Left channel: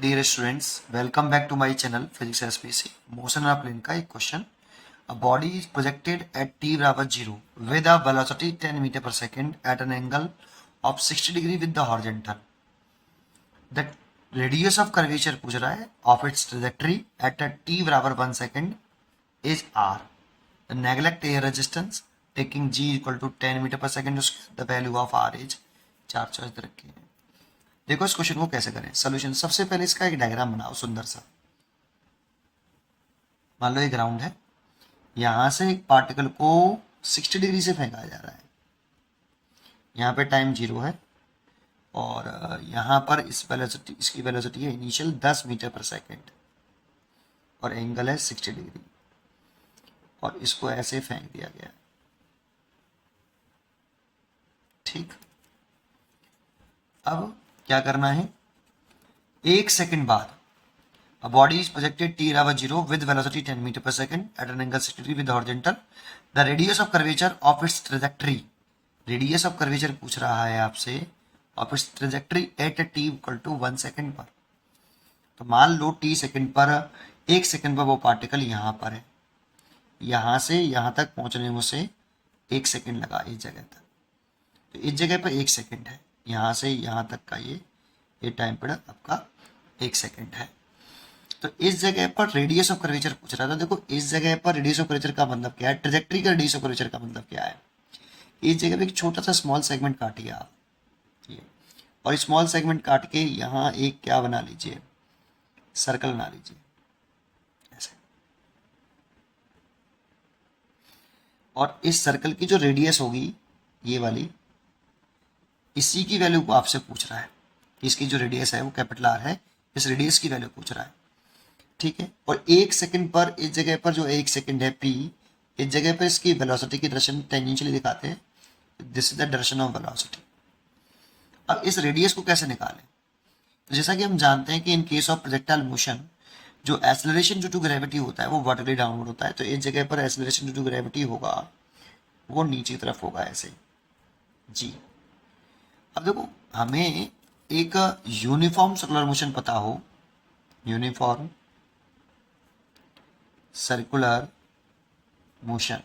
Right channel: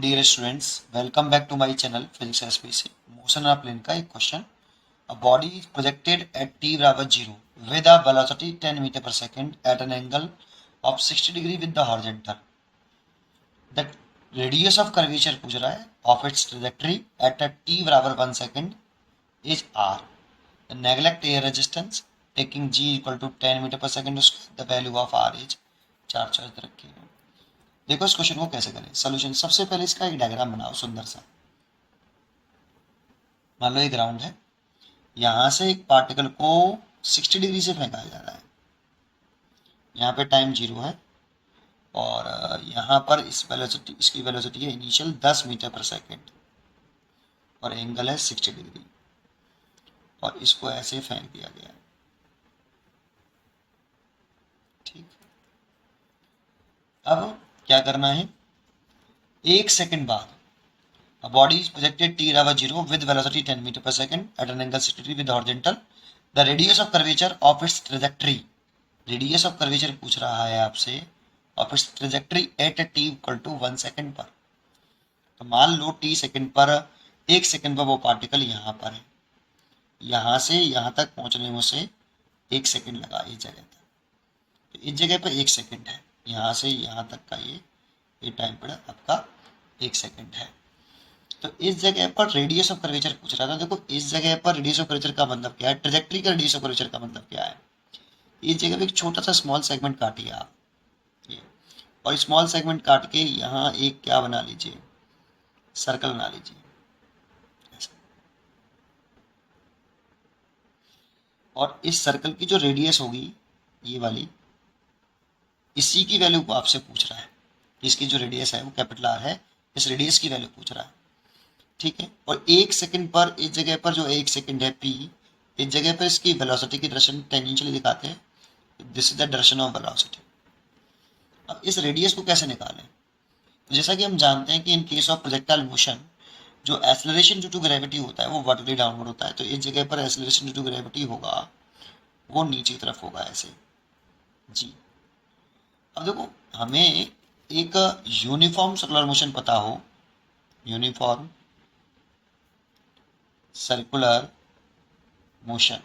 dear students, welcome back to my channel Physics SPC. Motion and plane का एक question. A body is projected at t बराबर 0 with a velocity 10 meter per second at an angle of 60 degree with the horizontal. The radius of curvature पूछ रहा है of its trajectory at a t बराबर 1 second is r. The neglect air resistance taking g equal to 10 meter per second square. The value of r is 4 choice रखी है. देखो इस question को कैसे करें. सोल्यूशन, सबसे पहले इसका एक डायग्राम बनाओ सुंदर सा. मान लो ये ग्राउंड है, यहां से एक पार्टिकल को 60 डिग्री से फेंका जा रहा है. यहाँ पे टाइम 0 है और यहाँ पर इसकी वेलोसिटी है इनिशियल 10 मीटर पर सेकेंड और एंगल है 60 डिग्री और इसको ऐसे फेंक दिया गया. ठीक, अब क्या करना है. एक सेकंड बाद a body is projected t बराबर 0 with velocity 10 meter per second at an angle 60 degree with horizontal. The radius of curvature of its trajectory, radius of curvature पूछ रहा है आपसे of its trajectory at a t equal to 1 second पर. तो मान लो t second पर, एक second पर वो पार्टिकल यहाँ पर है, यहाँ से यहाँ तक पहुँचने में उसे एक सेकंड लगा इस जगह तक. तो इस जगह पर एक सेकंड है, यहाँ से यहाँ तक का ये टाइम पीरियड आपका एक सेकंड है. तो इस जगह पर रेडियस ऑफ कर्वेचर पूछ रहा था. देखो इस जगह पर रेडियस ऑफ कर्वेचर का मतलब क्या है, ट्रेजेक्टरी का रेडियस ऑफ कर्वेचर का मतलब क्या है. इस जगह पे एक छोटा सा स्मॉल सेगमेंट काटिए आप ये, और स्मॉल सेगमेंट काट के यहाँ एक क्या बना लीजिए, सर्कल बना लीजिए ऐसे. और इस सर्कल की जो रेडियस होगी ये वाली, इसी की वैल्यू को आपसे पूछ रहा है. इसकी जो रेडियस है वो कैपिटल आर है, इस रेडियस की वैल्यू पूछ रहा है. ठीक है, और एक सेकंड पर इस जगह पर जो एक सेकंड है p, इस जगह पर इसकी वेलोसिटी की डायरेक्शन टेंजेंशियली दिखाते हैं. This is the direction of velocity. अब इस रेडियस को कैसे निकालें. तो जैसा कि हम जानते हैं कि in case of projectile motion जो एक्सेलरेशन ड्यू टू ग्रेविटी होता है वो वर्टिकली डाउनवर्ड होता है. तो इस जगह पर एक्सेलरेशन ड्यू टू ग्रेविटी होगा वो नीचे की तरफ होगा ऐसे जी. अब देखो हमें एक यूनिफॉर्म सर्कुलर मोशन पता हो, यूनिफॉर्म सर्कुलर मोशन,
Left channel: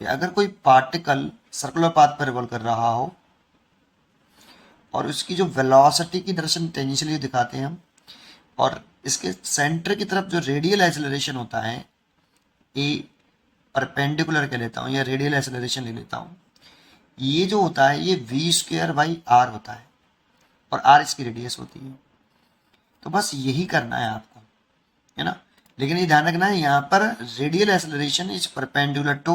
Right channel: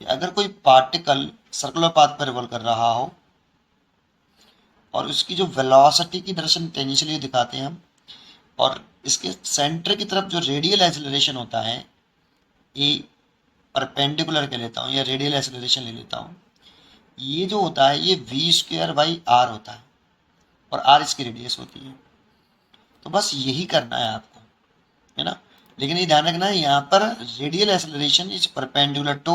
अगर कोई पार्टिकल सर्कुलर पाथ पर रिवॉल्व कर रहा हो और उसकी जो वेलोसिटी की डायरेक्शन टेंजेंशियली दिखाते हैं हम, और इसके सेंटर की तरफ जो रेडियल एक्सेलरेशन होता है ए परपेंडिकुलर के लेता हूँ या रेडियल एक्सेलरेशन ले लेता हूँ, ये जो होता है ये v²/r होता है और r इसकी रेडियस होती है. तो बस यही करना है आपको, है ना. लेकिन ये ध्यान रखना है यहाँ पर radial acceleration is perpendicular to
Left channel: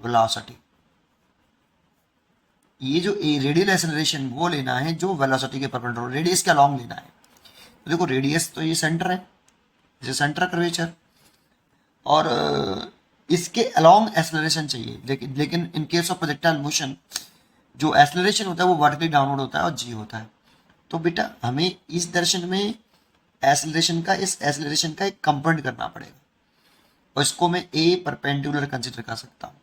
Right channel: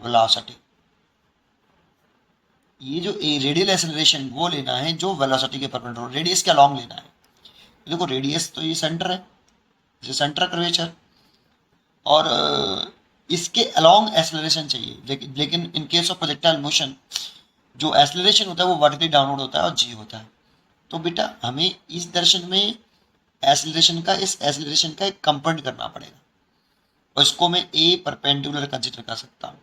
velocity. ये जो रेडियल एक्सेलरेशन वो लेना है जो वेलोसिटी के परपेंडिकुलर, रेडियस के अलोंग लेना है. तो देखो रेडियस तो ये सेंटर है, जैसे सेंटर कर्वेचर, और इसके अलोंग एक्सेलरेशन चाहिए. लेकिन in case of projectile motion जो एक्सेलरेशन होता है वो वर्टिकली डाउनवर्ड होता है और जी होता है. तो बेटा हमें इस डायरेक्शन में एक्सेलरेशन का, इस एक्सेलरेशन का एक कंपोनेंट करना पड़ेगा और इसको मैं ए परपेंडिकुलर कंसिडर कर सकता हूँ.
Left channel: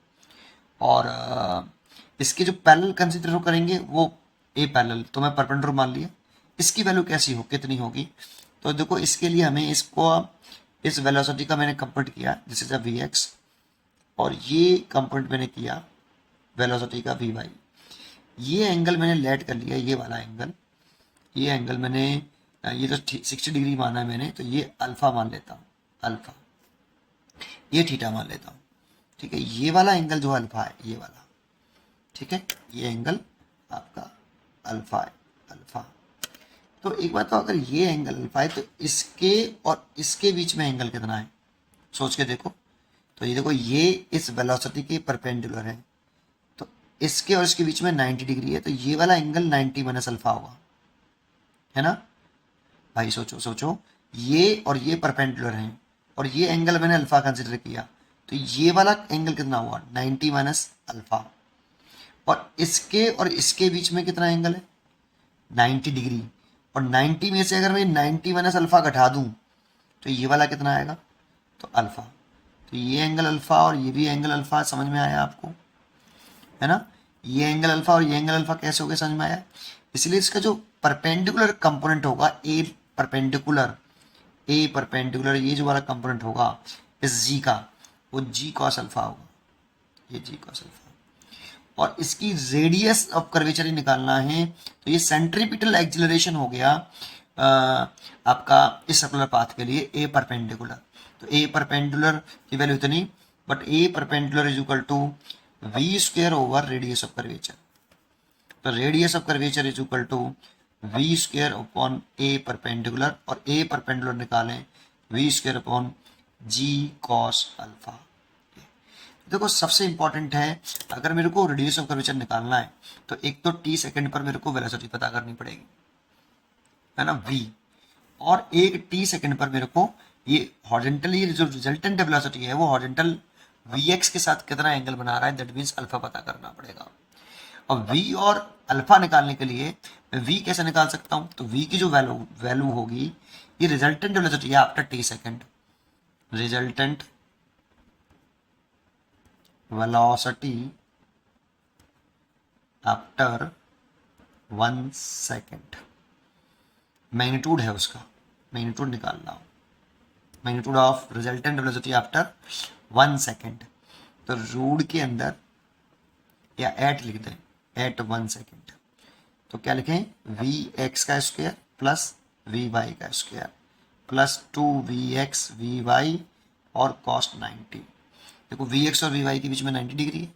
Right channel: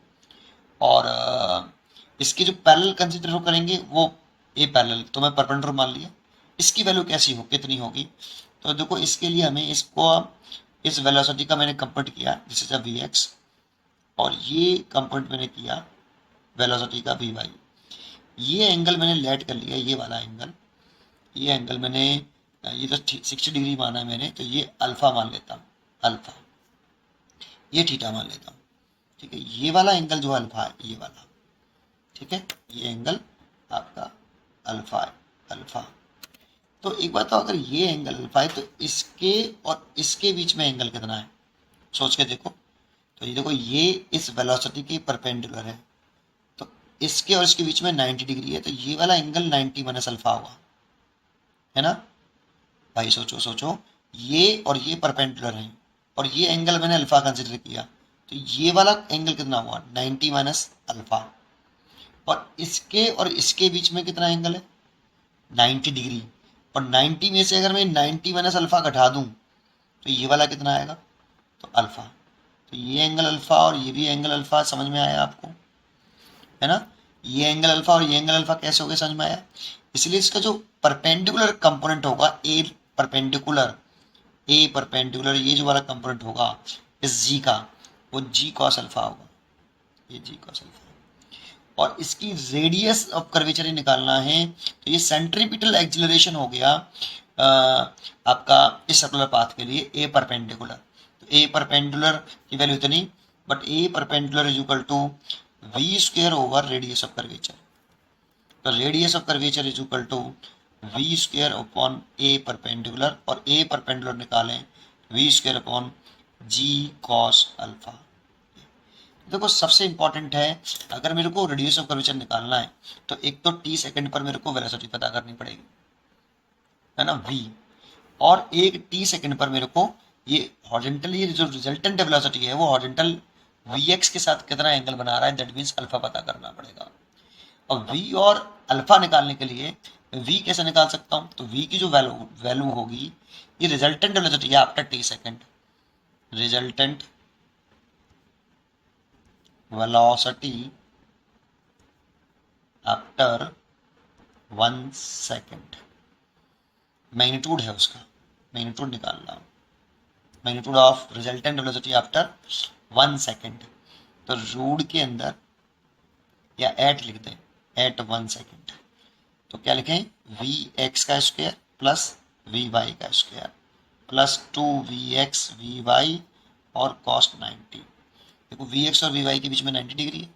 और इसके जो पैरेलल कंसिडर करेंगे वो ए पैरेलल, तो मैं परपेंडिकुलर मान लिया. इसकी वैल्यू कैसी हो, कितनी होगी. तो देखो इसके लिए हमें इसको, इस वेलोसिटी का मैंने कंपोनेंट किया this is a v x, और ये कंपोनेंट मैंने किया वेलोसिटी का वी वाई. ये एंगल मैंने लेट कर लिया, ये वाला एंगल, ये एंगल मैंने, ये तो 60 डिग्री माना है मैंने, तो ये अल्फा मान लेता हूँ, अल्फा, ये थीटा मान लेता हूँ. ठीक है, ये वाला एंगल जो अल्फा है ये वाला, ठीक है, ये एंगल आपका अल्फा है, अल्फा. तो एक बात, तो अगर ये एंगल अल्फा है तो इसके और इसके बीच में एंगल कितना है सोच के देखो. तो ये देखो ये इस वेलोसिटी के परपेंडिकुलर है, तो इसके और इसके बीच में 90 डिग्री है, तो ये वाला एंगल 90 माइनस अल्फा होगा, है ना भाई. सोचो सोचो, ये और ये परपेंडिकुलर हैं और ये एंगल मैंने अल्फा कंसिडर किया, तो ये वाला एंगल कितना हुआ 90 माइनस अल्फा. और इसके बीच में कितना एंगल है 90 डिग्री, और 90 में से अगर मैं 90 माइनस अल्फा घटा दूं तो ये वाला कितना आएगा, तो अल्फा. तो ये एंगल अल्फा और ये भी एंगल अल्फा, समझ में आया आपको, है ना. ये एंगल अल्फा और ये एंगल अल्फा कैसे हो गए समझ में आया. इसलिए इसका जो परपेंडिकुलर कंपोनेंट होगा ए परपेंडिकुलर ये जो वाला कंपोनेंट होगा इस जी का, वो जी कॉस अल्फा होगा, ये जी कॉस अल्फा। और इसकी रेडियस ऑफ कर्वेचर ही निकालना है, तो ये सेंट्रीपिटल एक्सिलरेशन हो गया आपका इस सर्कुलर पाथ के लिए ए परपेंडिकुलर। तो ए परपेंडिकुलर की वैल्यू इतनी, but a perpendicular is equal to v square over radius of curvature. तो radius of curvature is equal to v square upon a perpendicular, और ए परपेंडिकुलर निकालें v square upon g cos alpha. देखो सबसे important है, अगर मेरे को radius of curvature निकालना है तो एक तो टी सेकंड पर मेरे को वेलोसिटी पता करनी पड़ेगी, है ना, v, और एक टी सेकंड पर मेरे को ये हॉरिजॉन्टल, ये जो रिजल्टेंट वेलोसिटी है वो हॉरिजॉन्टल vx के साथ कितना एंगल बना रहा है, दैट मीन्स अल्फा पता करना पड़ेगा। अब v और अल्फा निकालने के लिए मैं v कैसे निकाल सकता हूँ, तो v की जो वैल्यू होगी, ये रिजल्टेंट वेलोसिटी है after T second, resultant velocity after 1 second, magnitude है उसका, मैग्नीट्यूड निकालना हो, magnitude of resultant velocity after 1 second. तो रूट के अंदर या एट लिख दें, एट 1 सेकेंड। तो क्या लिखें, वी एक्स का स्क्वायर प्लस वी वाई का स्क्वायर प्लस 2 vx vy और cos 90। देखो वी एक्स और वी वाई के बीच में 90 डिग्री है,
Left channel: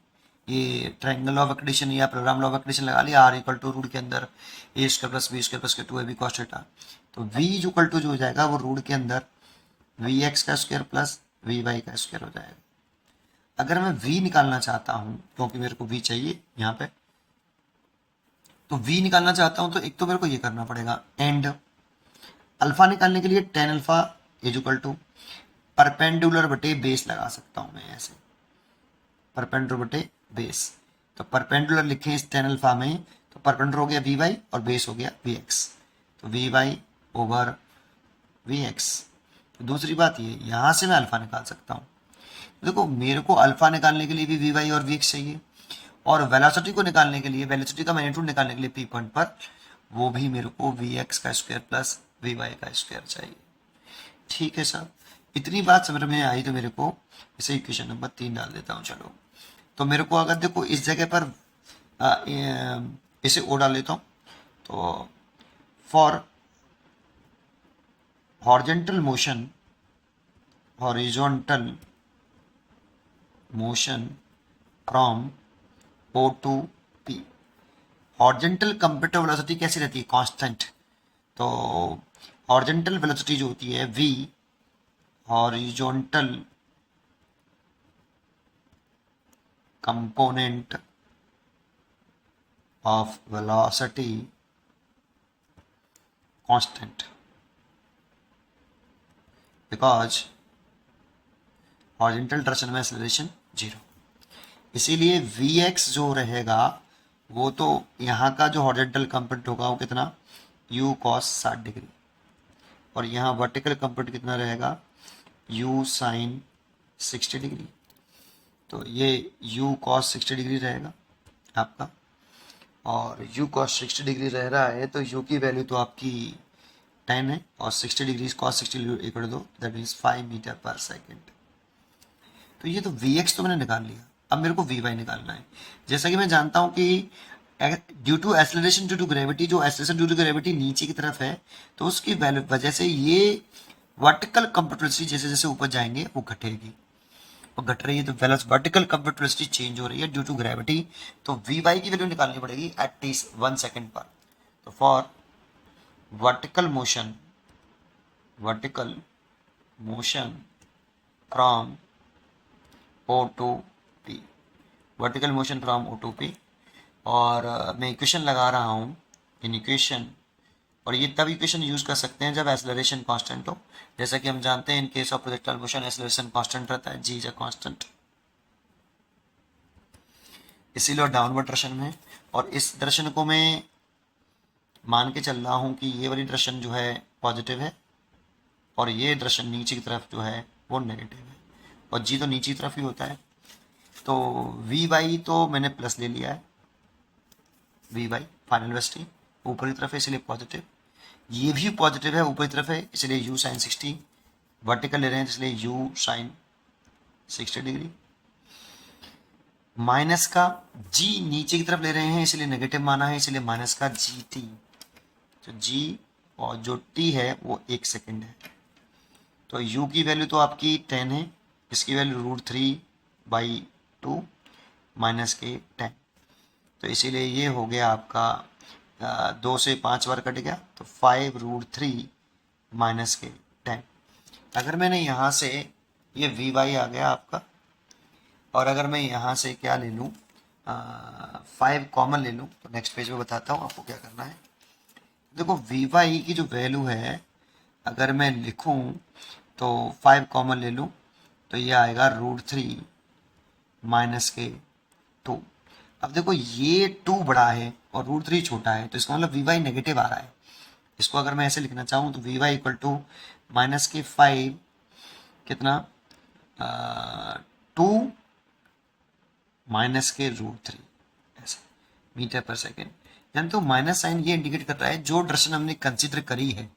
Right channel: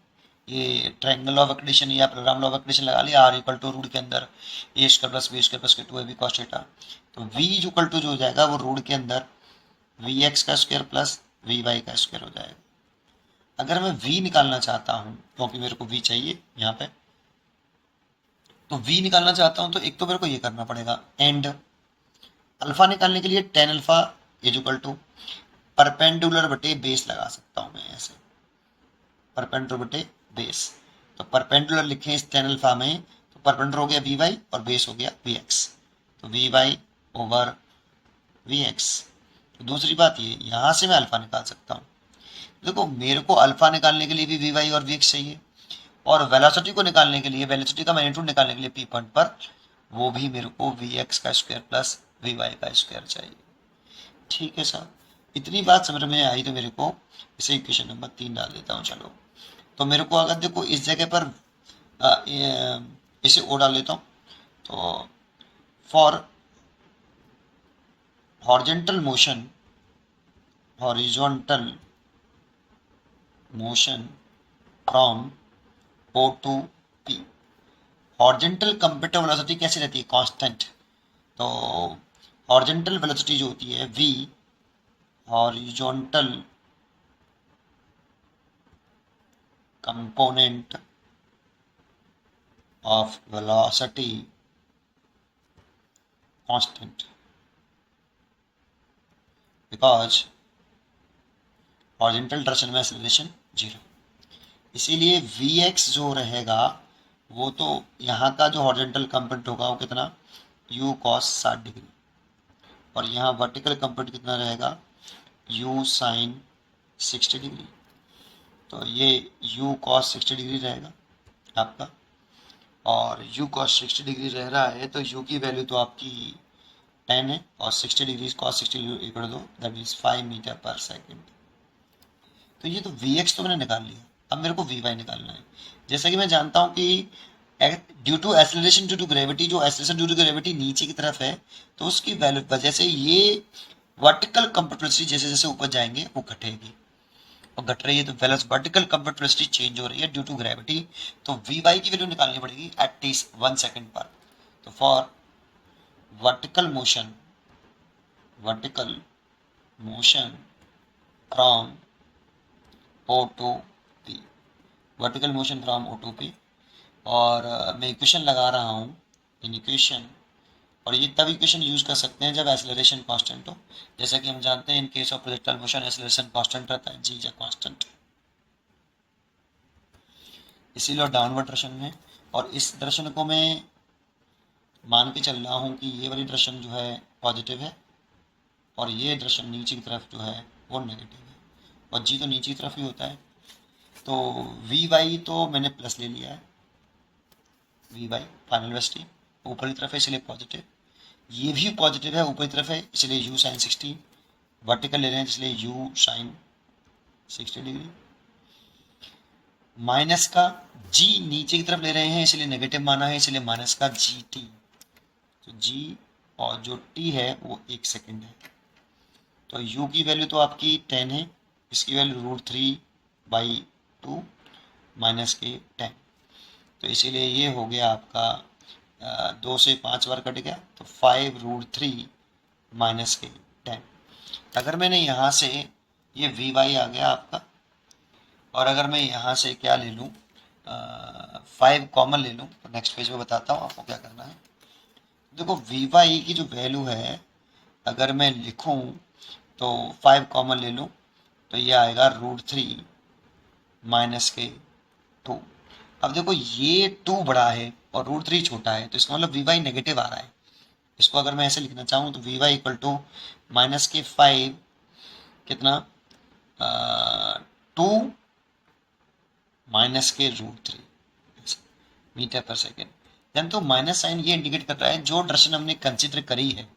ये ट्रायंगल ऑफ इक्वेशन या प्रोग्राम लॉ ऑफ इक्वेशन लगा लिया, आर इक्वल टू रूट के अंदर a square plus b square plus के 2ab cos थीटा। तो v इक्वल टू जो हो जाएगा वो रूट के अंदर वी एक्स का स्क्वायर प्लस वी वाई का स्क्वायर हो जाएगा। अगर मैं v निकालना चाहता हूँ, क्योंकि मेरे को v चाहिए यहाँ पे, तो v निकालना चाहता हूँ तो एक तो मेरे को ये करना पड़ेगा, एंड अल्फा निकालने के लिए tan alpha is equal to perpendicular बटे बेस लगा सकता हूँ मैं ऐसे, परपेंडिकुलर बटे बेस। तो परपेंडिकुलर लिखें इस टेन अल्फा में, तो परपेंडिकुलर हो गया वी वाई और बेस हो गया वी एक्स, तो v y over v x. तो दूसरी बात ये, यहाँ से मैं अल्फा निकाल सकता हूँ। देखो मेरे को अल्फा निकालने के लिए भी वी वाई और वी एक्स चाहिए, और वेलोसिटी को निकालने के लिए, वेलोसिटी का मैग्नीट्यूड निकालने के लिए पी पॉइंट पर, वो भी मेरे को वी एक्स का स्क्वायर प्लस वी वाई का स्क्वायर चाहिए। ठीक है सर, इतनी बात समझ में आई तो मेरे को इसे इक्वेशन नंबर 3 डाल देता हूँ। चलो, तो मेरे को अगर देखो इस जगह पर इसे ओ डाल लेता हूँ, तो for horizontal motion, horizontal motion from O to P, horizontal computer velocity कैसी रहती है, कांस्टेंट। तो हॉरिजॉन्टल वेलोसिटी जो होती है v, horizontal component of velocity constant, because horizontal direction में एक्सेलरेशन 0, इसीलिए vx जो रहेगा वो तो यहाँ का जो हॉरिजॉन्टल कंपोनेंट होगा वो कितना, u cos 60 डिग्री, और यहाँ वर्टिकल कंपोनेंट कितना रहेगा, u sin 60 डिग्री। तो ये u cos 60 डिग्री रहेगा आपका, और u cos 60 डिग्री रह रहा है तो u की वैल्यू तो आपकी 10 है, और 60 डिग्री cos 60 इक्वल दो, दैट मीन्स 5 मीटर पर सेकेंड। तो ये तो vx तो मैंने निकाल लिया, अब मेरे को vy निकालना है। जैसा कि मैं जानता हूँ कि due to acceleration due to gravity, जो एक्सेलरेशन ड्यू टू ग्रेविटी नीचे की तरफ है, तो उसकी वजह से ये वर्टिकल कंप्यूटर वेलोसिटी जैसे जैसे ऊपर जाएंगे वो घटेगी, और घट रही है तो वर्टिकल कंप्यूटर वेलोसिटी चेंज हो रही है ड्यू टू ग्रेविटी। तो वी वाई की वैल्यू निकालनी पड़ेगी एट टी 1 सेकेंड पर। तो for vertical motion, vertical motion from O to P, vertical motion from O to P, और मैं इक्वेशन लगा रहा हूँ इन इक्वेशन, और ये तब इक्वेशन यूज़ कर सकते हैं जब एक्सेलरेशन कांस्टेंट हो। जैसा कि हम जानते हैं in case of projectile motion acceleration constant रहता है, जी इज अ कांस्टेंट, इसीलिए डाउनवर्ड डायरेक्शन में। और इस दर्शन को मैं मान के चल रहा हूँ कि ये वाली डायरेक्शन जो है पॉजिटिव है, और ये डायरेक्शन नीचे की तरफ जो है वो नेगेटिव है, और जी तो नीचे की तरफ ही होता है। तो वी वाई तो मैंने प्लस ले लिया है, वी वाई फाइनल वेलोसिटी, ऊपर की तरफ है इसलिए पॉजिटिव, ये भी पॉजिटिव है ऊपर की तरफ है इसलिए u साइन 60, वर्टिकल ले रहे हैं इसलिए u साइन 60 डिग्री। माइनस का g नीचे की तरफ ले रहे हैं इसलिए नेगेटिव माना है इसलिए माइनस का gt, तो g और जो t है वो 1 सेकेंड है। तो u की वैल्यू तो आपकी 10 है, इसकी वैल्यू √3/2 माइनस के 10, तो इसीलिए ये हो गया आपका 2 से 5 बार कट गया तो 5√3 माइनस के 10। अगर मैंने यहाँ से ये vy आ गया आपका, और अगर मैं यहाँ से क्या ले लूँ 5 कॉमन ले लूँ, तो नेक्स्ट पेज में बताता हूँ आपको क्या करना है। देखो vy की जो वैल्यू है अगर मैं लिखूँ तो 5 कॉमन ले लूँ तो ये आएगा √3 माइनस के 2। अब देखो ये 2 बड़ा है और √3 छोटा है, तो इसका मतलब vy नेगेटिव आ रहा है। इसको अगर मैं ऐसे लिखना चाहूँ तो vy इक्वल टू माइनस के 5 कितना 2 माइनस के √3 ऐसे मीटर पर सेकेंड। जानते हो माइनस साइन ये इंडिकेट कर रहा है जो डायरेक्शन हमने कंसिडर करी है,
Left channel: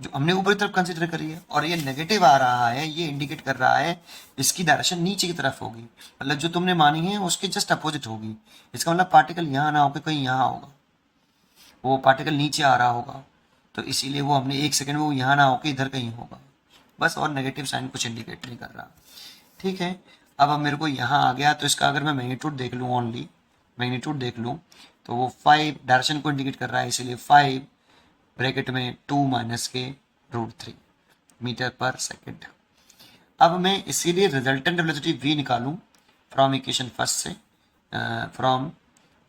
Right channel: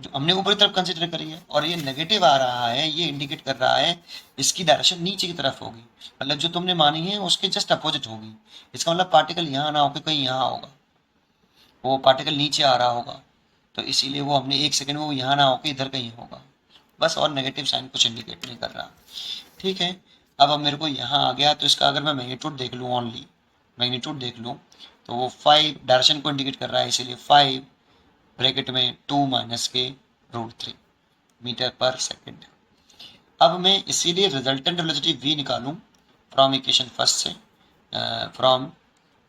जो हमने ऊपर की तरफ कंसिडर करी है, और ये नेगेटिव आ रहा है ये इंडिकेट कर रहा है इसकी डायरेक्शन नीचे की तरफ होगी, मतलब जो तुमने मानी है उसके जस्ट अपोजिट होगी। इसका मतलब पार्टिकल यहाँ ना होकर कहीं यहाँ होगा, वो पार्टिकल नीचे आ रहा होगा, तो इसीलिए वो हमने 1 सेकेंड में वो यहाँ ना होकर इधर कहीं होगा बस, और नेगेटिव साइन कुछ इंडिकेट नहीं कर रहा। ठीक है, अब मेरे को यहाँ आ गया तो इसका अगर मैं मैग्नीट्यूड देख लूँ, ओनली मैग्नीट्यूड देख लूँ तो वो 5 डायरेक्शन को इंडिकेट कर रहा है, इसीलिए 5 ब्रैकेट में 2 माइनस के √3 मीटर पर सेकेंड। अब मैं इसीलिए रिजल्टेंट वेलोसिटी v निकालूं फ्रॉम इक्वेशन फर्स्ट से, फ्रॉम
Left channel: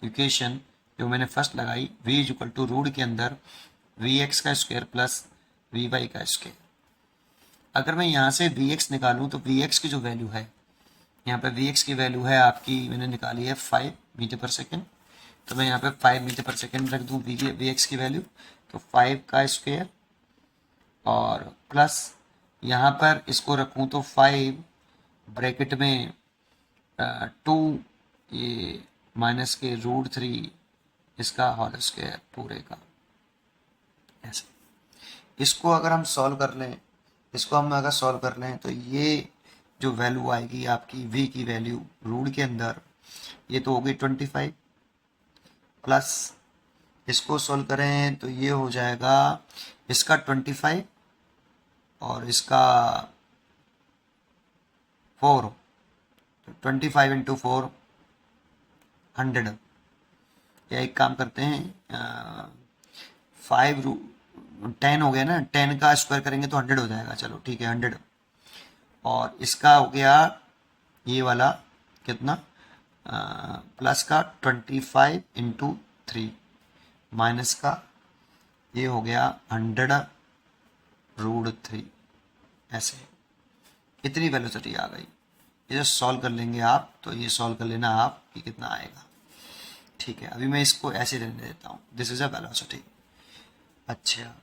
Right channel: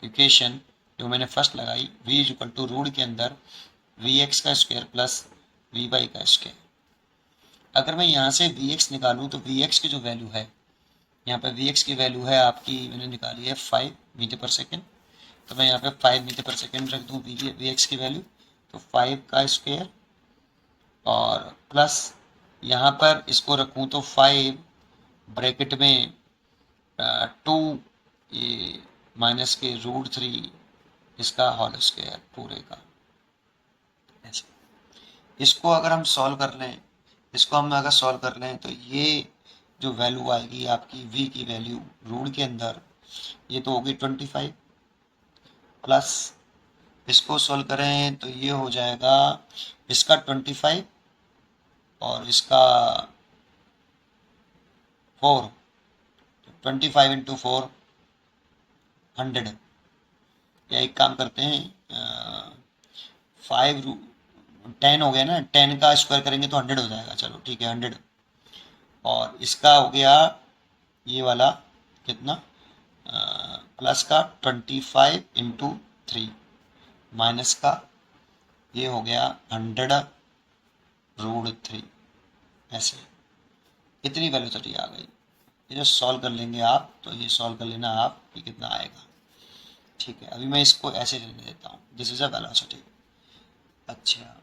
इक्वेशन जो मैंने फर्स्ट लगाई v is equal to root के अंदर vx का स्क्वायर प्लस vy का स्क्वायर। अगर मैं यहाँ से vx निकालूं तो vx की जो वैल्यू है, यहाँ पे vx की वैल्यू है आपकी मैंने निकाली है 5 मीटर पर सेकेंड, तो मैं यहाँ पे 5 मीटर पर सेकेंड रख दूँ vx की वैल्यू, तो 5 का स्क्वायर और प्लस यहाँ पर इसको रखूँ तो 5 ब्रैकेट में 2 ये माइनस के √3 इसका होल स्क्वायर पूरे का ऐसे। इसको अगर हम सॉल्व कर लें, इसको हम अगर सॉल्व कर लें तो ये जो वैल्यू आएगी आपकी v की वैल्यू रूट के अंदर ये तो होगी 25, प्लस इसको सॉल्व करें तो ये हो जाएगा इसका 25 और इसका 4, तो 25 इंटू 4 100, या एक काम करते हैं 5 10 हो गया ना, 10 का स्क्वायर करेंगे तो 100 हो जाएगा, चलो ठीक है 100, और इसका हो गया ये वाला कितना प्लस का 25 इंटू 3 माइनस का ये हो गया 100√3 ऐसे। इतनी वेलोसिटी आ गई, ये जो सॉल्व कर लेंगे आप तो ये सॉल्व कर लेना आप कि कितना आएगा। ठीक है, अभी मैं इसको ऐसे रहने देता हूँ, दिस इज अ वेलोसिटी। अच्छा,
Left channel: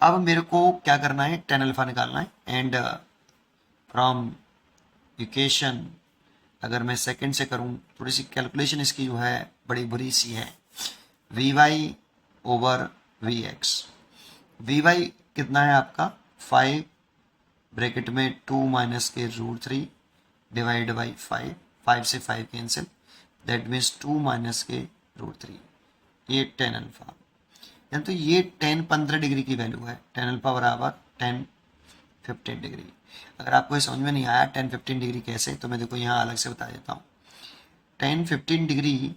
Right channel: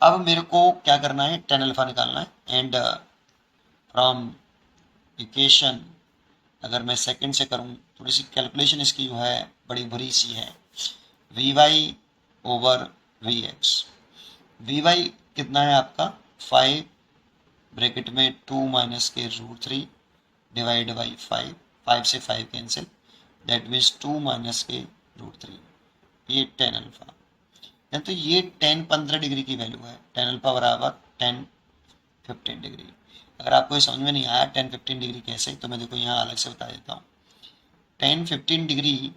अब मेरे को क्या करना है, tan अल्फा निकालना है, एंड फ्रॉम इक्वेशन अगर मैं सेकंड से करूँ, थोड़ी सी कैलकुलेशन इसकी जो है बड़ी बुरी सी है, vy ओवर vx। vy कितना है आपका 5 ब्रैकेट में 2 माइनस के √3 डिवाइड बाई 5 से 5 कैंसिल, दैट मीन्स 2 माइनस के √3, ये tan अल्फा। तो ये tan 15 डिग्री की वैल्यू है, tan अल्फा बराबर tan 15 डिग्री। अगर आपको ये समझ में नहीं आया tan 15 डिग्री कैसे, तो मैं देखो यहाँ अलग से बता देता हूँ। tan 15 degree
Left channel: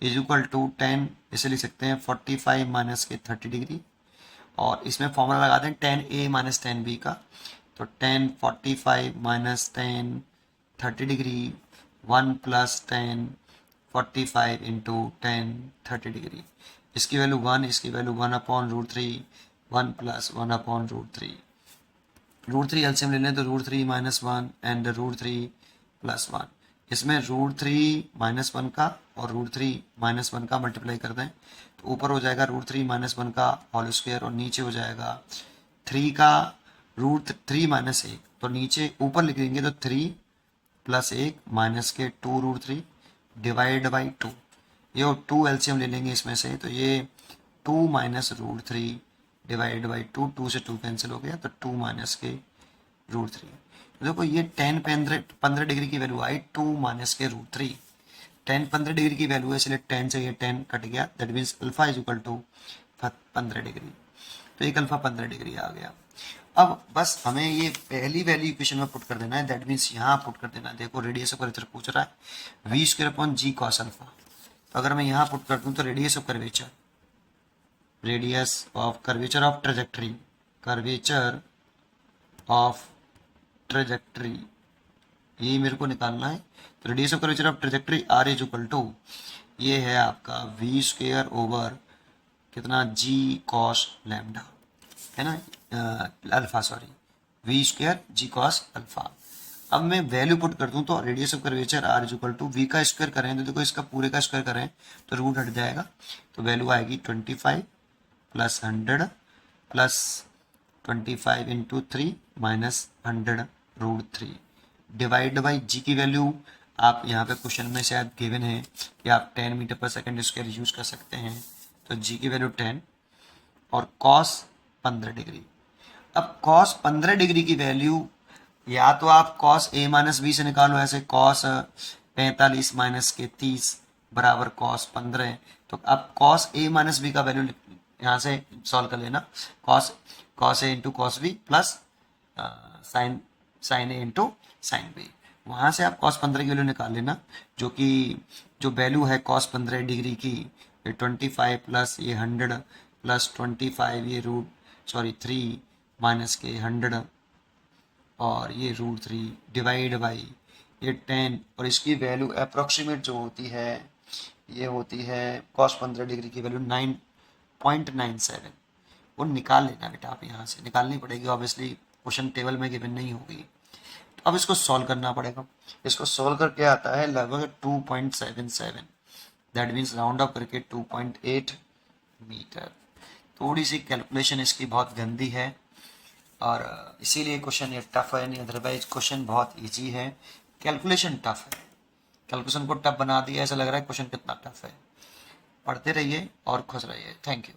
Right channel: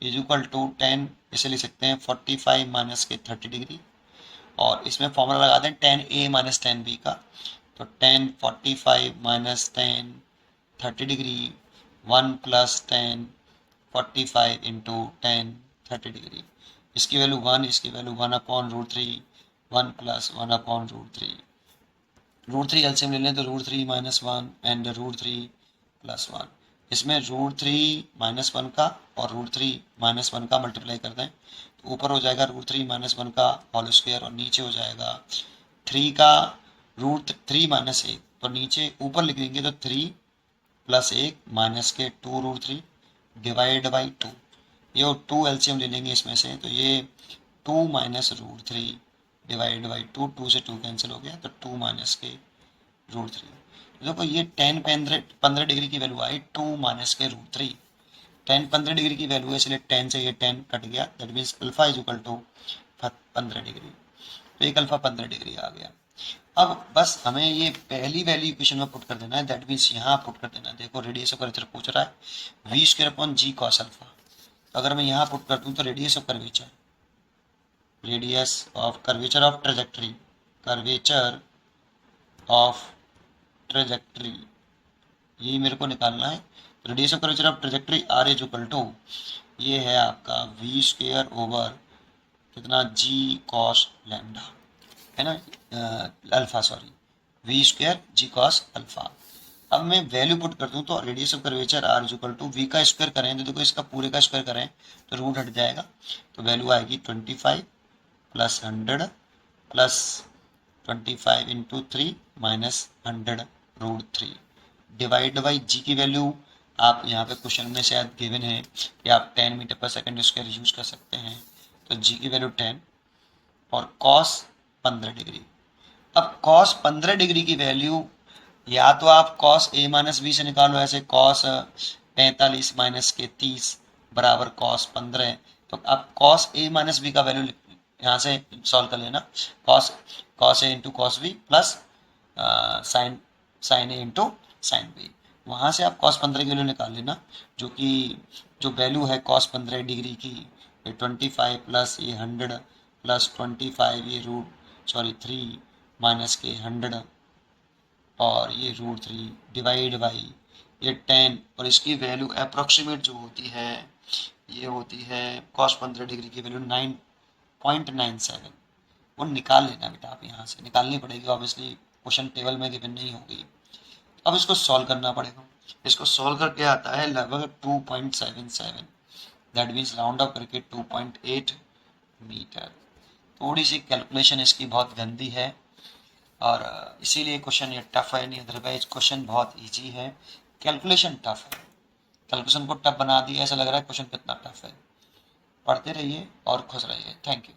is equal to tan, इसे लिख सकते हैं 45 माइनस के 30 डिग्री, और इसमें फॉर्मूला लगा दें tan a minus tan b का, तो tan 45 minus tan 30 degree 1 plus tan 45 into tan 30 degree, इसकी वैल्यू 1, इसकी वैल्यू 1/√3, 1 प्लस 1/√3, √3 एलसीएम ले लें तो √3 माइनस 1 एंड √3 प्लस 1, इसमें √3 माइनस 1 का और √3 माइनस 1 का मल्टीप्लाई कर दें तो ऊपर हो जाएगा √3 माइनस 1 का होल स्क्वायर, और नीचे हो जाएगा 3 का √3 माइनस 1, तो नीचे ऊपर लिख देंगे तो 3 प्लस 1 माइनस के 2√3 डिवाइड बाई 2, ये 2 एलसीएम ले लेंगे इसमें से, तो ये 2 माइनस रूट 3 डिवाइड बाई 2, 2 से 2 कैंसिल हो गया, तो 2 माइनस के रूट 3। देखो ये 10 15 डिग्री की वैल्यू आई, 2 माइनस के रूट 3। 10 15 डिग्री की वैल्यू है, इसलिए 10 से ये 10 कट गया, that means alpha is equal to 15 degree. तो एक अल्फा 15 डिग्री आ गया। अब बस हमें ये पहली वैल्यू इक्वेशन में पुट कर देना है, दैट मीन्स यहाँ पुट कर देना है। देखो रेडियस ऑफ कर्वेचर पूछ रहा है v square upon g cos alpha, तो अगर मैं यहाँ पुट कर दूँ तो radius of curvature, radius of curvature of trajectory, curvature of trajectory, यही मेरे को निकालना है। तो radius of curvature of trajectory R is equal to, ये है आपका वी स्क्वायर ओवर कितना जी कॉस लैम्डा, है ना, alpha sorry, v square g cos alpha. अब मैं वैल्यू पुट कर दूं तो radius of curvature R is equal to v का स्क्वायर करें तो देखो इसका पूरे का स्क्वायर करें तो रूट हट जाएगा, तो वैल्यू आएगी 25 plus 100 plus 25 into 3 minus 100 root 3 divide by g की वैल्यू आप यहाँ पे क्वेश्चन में शायद गिवन है कि आप 10 मीटर पर सेकंड स्क्वायर यूज कर सकते हैं, तो जी की वैल्यू 10 और कॉस 15 डिग्री। अब कॉस 15 डिग्री की वैल्यू या तो आप कॉस ए माइनस बी से निकालो, ऐसे कॉस 45 माइनस के 30 बराबर कॉस 15, तो आप कॉस ए माइनस बी का वैल्यू यहाँ से सॉल्व कर लेना, cos a into cos b plus sine a into sine b, वहाँ से आप कॉस 15 की वैल्यू निकाल लेना, जो कि जो वैल्यू है कॉस 15 डिग्री की 25 प्लस ये 100 प्लस 25 ये रूट सॉरी 3 माइनस के 100 और ये रूट 3 डिवाइड बाई ये 10, और इसकी वैल्यू अप्रोक्सीमेट जो होती है ये होती है कॉस 15 डिग्री की वैल्यू 9.97, वो निकाल लेना बेटा, आप यहाँ से निकालनी पड़ेगी, ऑब्वियसली क्वेश्चन टेबल में गिवन नहीं होगी। तो अब इसको सॉल्व करना पड़ेगा, इसको सॉल्व करके आता है लगभग 2.77, दैट मीन्स राउंड अप करके 2.8 मीटर। थोड़ी सी कैलकुलेशन इसकी बहुत गंदी है और इसीलिए क्वेश्चन ये टफ है, नहीं अदरवाइज क्वेश्चन बहुत इजी है, कैलकुलेशन टफ है। कैलकुलेशन को टफ बना दिया, ऐसा लग रहा है क्वेश्चन कितना टफ है। पढ़ते रहिए और खुश रहिए। Thank you.